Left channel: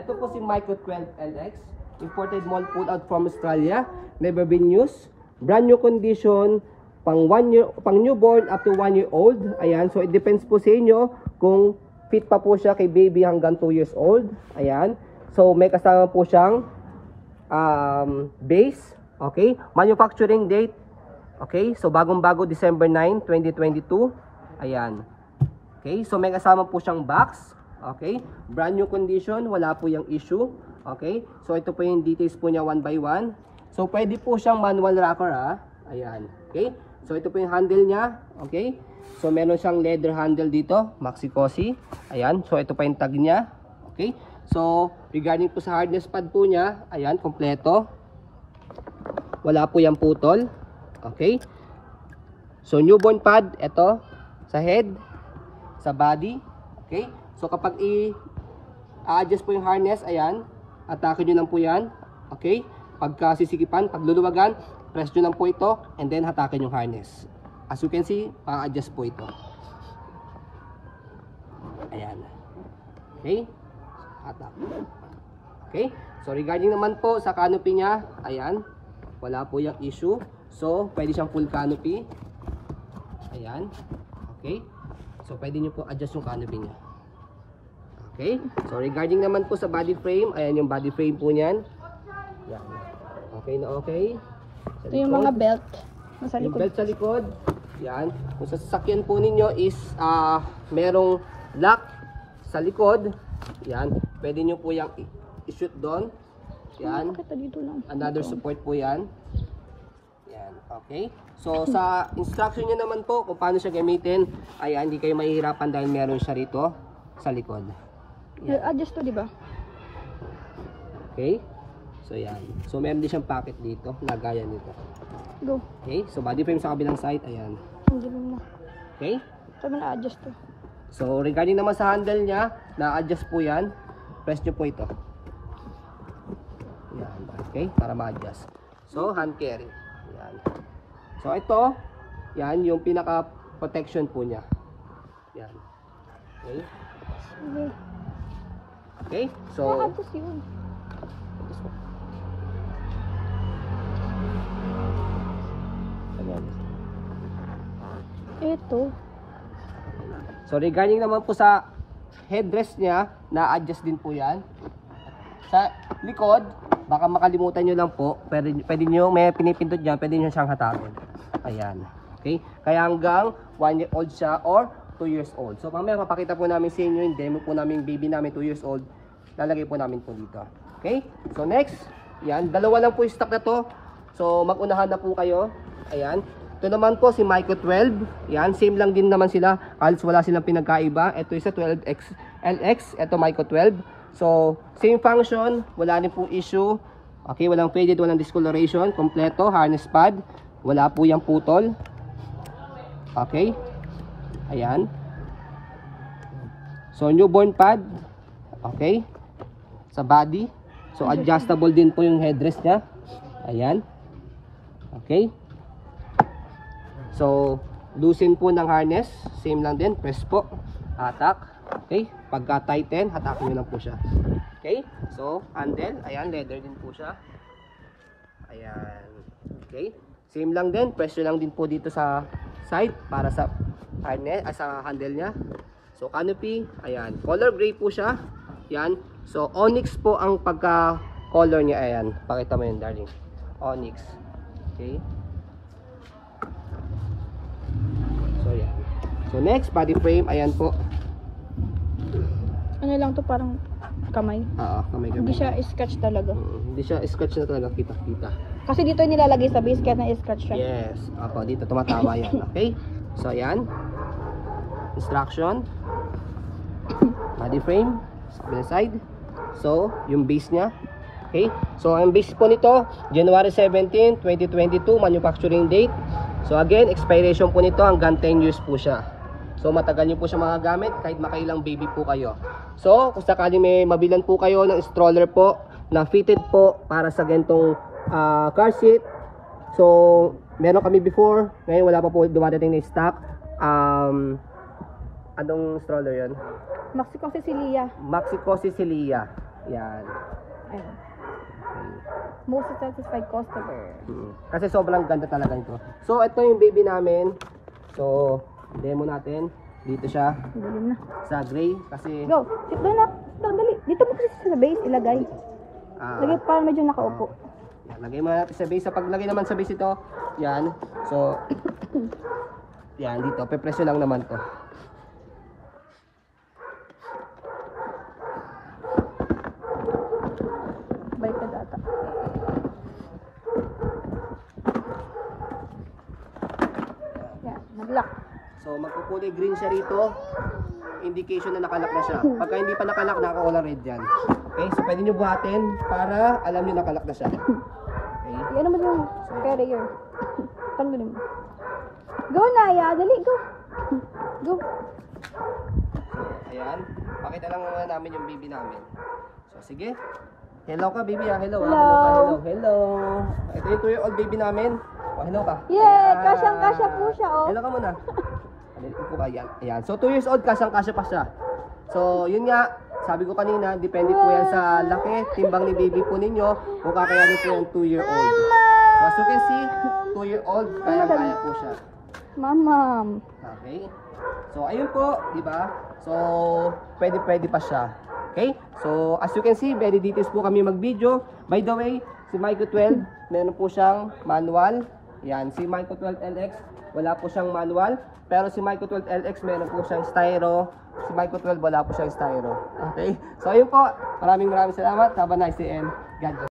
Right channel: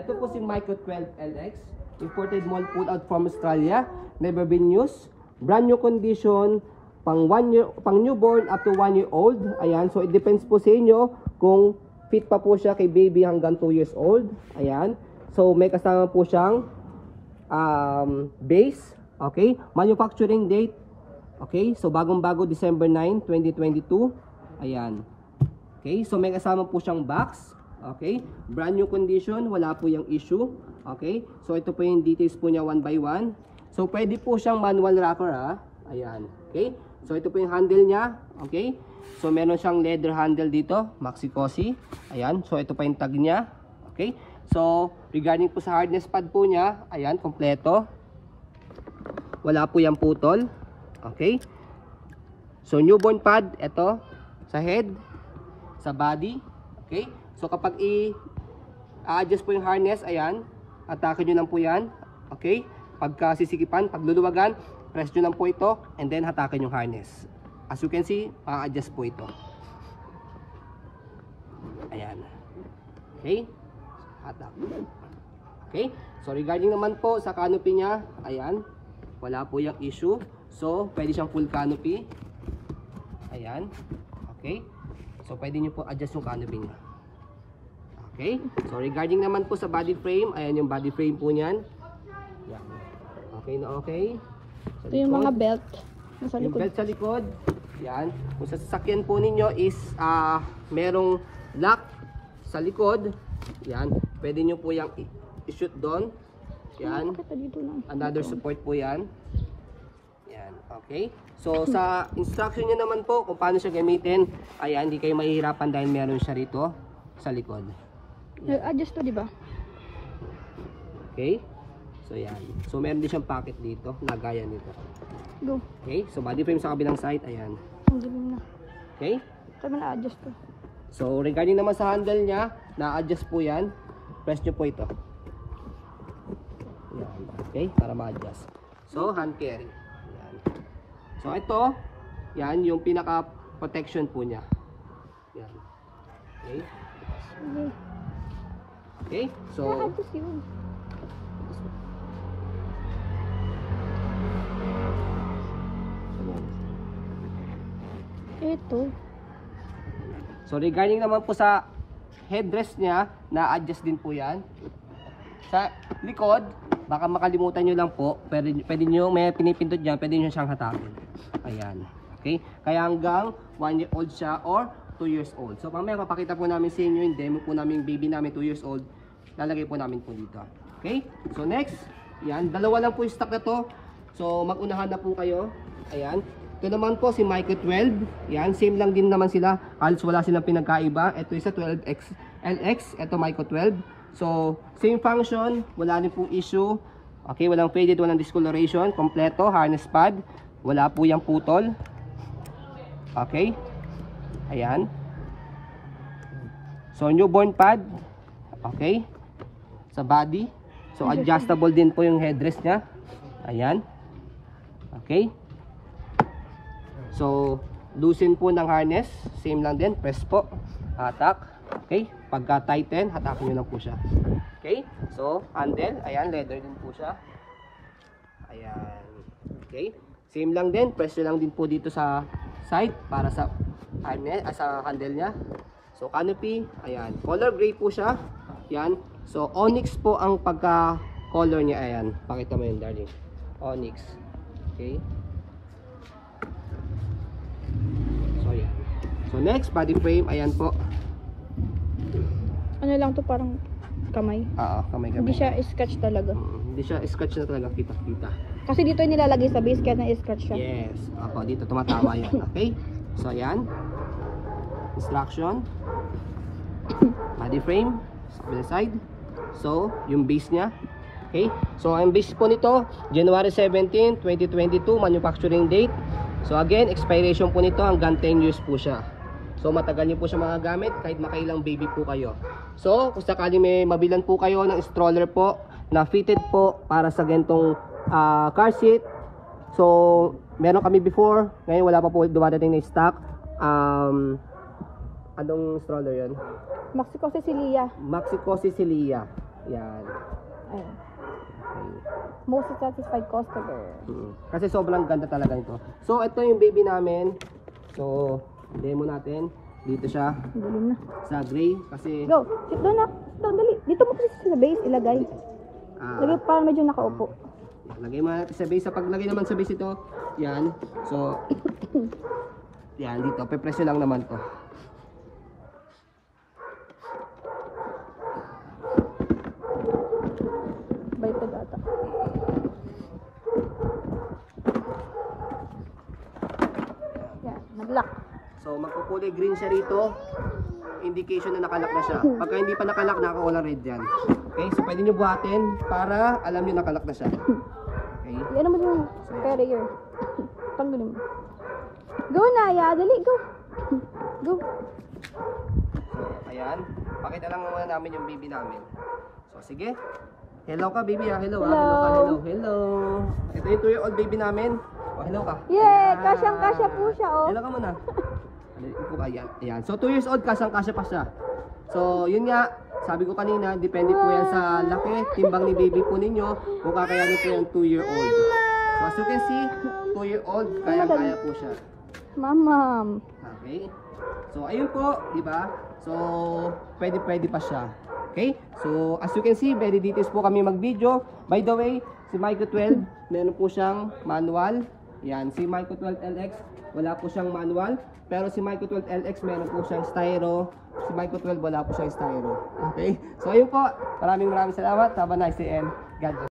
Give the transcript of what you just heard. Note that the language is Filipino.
Ito po si Micro 12 LX. Imported mall pull out from Australia. Never been used. Brand new condition. Pang newborn up to 1 year old. Ayan. So it depends po sa inyo kung fit pa po siya kay baby hanggang 2 years old. Ayan. So may kasama po siyang base. Okay. Manufacturing date. Okay. So bagong-bago December 9, 2022. Ayan. Okay. So may kasama po siyang box. Okay. Brand new condition. Wala po yung issue. Okay. So ito po yung details po niya one by one. So pwede po siyang manual rocker ha. Ayan. Okay. So ito po yung handle niya. Okay. So meron siyang leather handle dito. Maxi Cosi. Ayan. So ito pa yung tag niya. Okay. So regarding po sa hardness pad po niya. Ayan. Kompleto. Wala po yung putol. Okay. So newborn pad. Ito. Sa head. Sa body. Okay. So kapag i-adjust po yung harness. Ayan. Atake nyo lang po yan. Okay. Pagka sisikipan. Pagluluwagan. Press nyo lang po ito. And then hatakin yung harness. As you can see. Adjust po ito. Ayan. Okay. Hatak. Okay. So regarding naman po sa canopy niya. Ayan. Wala po yung issue. So pwede siyang full canopy. Ayan. Okay. So pwede nyo po adjust yung canopy niya. Okay. So regarding naman po sa body frame. Ayan yung body frame po niyan. Ayan. Okay na okay. Ito yung mga belt. Nasa likod. Yung belt sa likod. Yan. Kung sa sasakyan po ninyo is merong lock sa likod. Yan. Pwede nyo po yung i-shoot doon. Yan. Another support po yan. Yan. Okay. So sa instruction nyo naman po kung paano siya gamitin. Ayan. Hindi kayo mahihirapan dahil meron siya rito sa likod. Adjust to, diba? Okay. So yan. So meron din siyang pocket dito. Lagayan nito. Go. Okay. So body frame sa kabilang side. Ayan. Okay. Sabi na adjust to. So regarding naman sa handle niya, na-adjust po yan. Press nyo po ito. Yan. Okay. Para ma-adjust. So hand carry. Yan. So ito. Yan yung pinaka protection po niya. Yan. Okay. Okay. So adjust yun. Ito. So regarding naman po sa headrest niya, na-adjust din po yan. Sa likod, baka makalimutan nyo lang po, pwede nyo, may pinipindot dyan, pwede nyo siyang hatakin. Ayan. Okay? Kaya hanggang 1 year old siya or 2 years old. So mamaya mapakita po namin sa inyo yung demo po namin baby namin 2 years old. Lalagay po namin po dito. Okay? So next, yan, dalawa lang po yung stock na to. So mag-unahan na po kayo. Ayan. Ito naman po si Micro 12. Yan, same lang din naman sila. Halos wala silang pinagkaiba. Ito isa 12X LX, ito Micro 12. So, same function, wala din po issue. Okay, walang faded, walang discoloration, kompleto, harness pad. Wala po yung putol. Okay. Ayan. So, newborn pad. Okay. Sa body. So, adjustable din po yung headrest niya. Ayan. Okay. So, loosen po ng harness. Same lang din. Press po. Hatak. Okay. Pagka tighten, hatakin nyo lang po siya. Okay. So, handle. Ayan. Leather din po siya. Ayan. Okay. Same lang din. Press nyo lang din po dito sa side para sa harness, sa handle niya. So, canopy. Ayan. Color gray po siya. Ayan. So, onyx po ang pagka-color niya. Ayan. Pakita mo yun, darling. Onyx. Okay. So next, body frame, ayan po. Ano lang to, parang kamay. Kamay. Hindi siya scratch talaga. Hindi siya scratch na talaga, kita. Kasi dito nilalagay sa base kaya na-scratch siya. Yes. Ako, dito tumatawa yan. Okay? So ayan. Instruction. Body frame. Sa side. So, yung base niya. Okay? So, ang base po nito, January 17, 2022, manufacturing date. So again, expiration po nito hanggang 10 years po siya. So matagal nyo po siya magagamit kahit makailang baby po kayo. So kung sakali may mabilan po kayo ng stroller po na fitted po para sa gantong car seat. So meron kami before, ngayon wala pa po dumadating na stock. Anong stroller yun? Maxi Cosi Celia. Maxi Cosi Celia. Yan. Ayun. Okay. Most satisfied customer. Kasi sobrang ganda talaga nito. So, ito yung baby namin. So, demo natin. Dito siya Dilim na. sa gray. Kasi, Go. Sit down na. Down, dali. Dito mo kasi sa base ilagay. Lagay para medyo nakaupo. yan, lagay mo natin sa base. Sa paglagay naman sa base ito, yan. So, yan, dito. Pepresyo lang naman to. Baited ata. Yan. Nag-lock. So, magkukulay green siya rito. Indication na nakalock na siya. Pagka hindi pa nakalock, nakakulay red yan. Okay, so pwede nyo buhatin para alam nyo nakalock na siya. Okay. Yan naman yung carrier. Tanggalin mo. Go na, ya. Dali, go. Go. So, ayan. Pakita lang muna namin yung baby namin. So, sige. Hello ka, baby. Ah. Hello. Hello. Hello. Hello. Ito yung 2-year-old baby namin. Oh, hello ka. Yeah, Ayan. kasyang-kasya po siya, oh. Hello ka muna. Ayan. Ayan. So, 2 years old, kasyang-kasya pa siya. So, yun nga. Sabi ko kanina, depende po yan sa laki, timbang ni baby po ninyo, kung kakayanin po yung 2-year-old. So, as you can see, 2-year-old, kaya-kaya po siya. Mamam. Okay? So, ayun po, di ba? So, pwede pa siya. Okay? So, as you can see, very details po kami mag-video. By the way, si Micro 12, meron po siyang manual. Yan, si Micro 12 LX, wala po siyang manual. Pero si Micro 12 LX, meron po siyang styro. Si Micro 12, wala po siyang styro. Okay? So, ayun po. Maraming salamat. Have a nice day and God bless.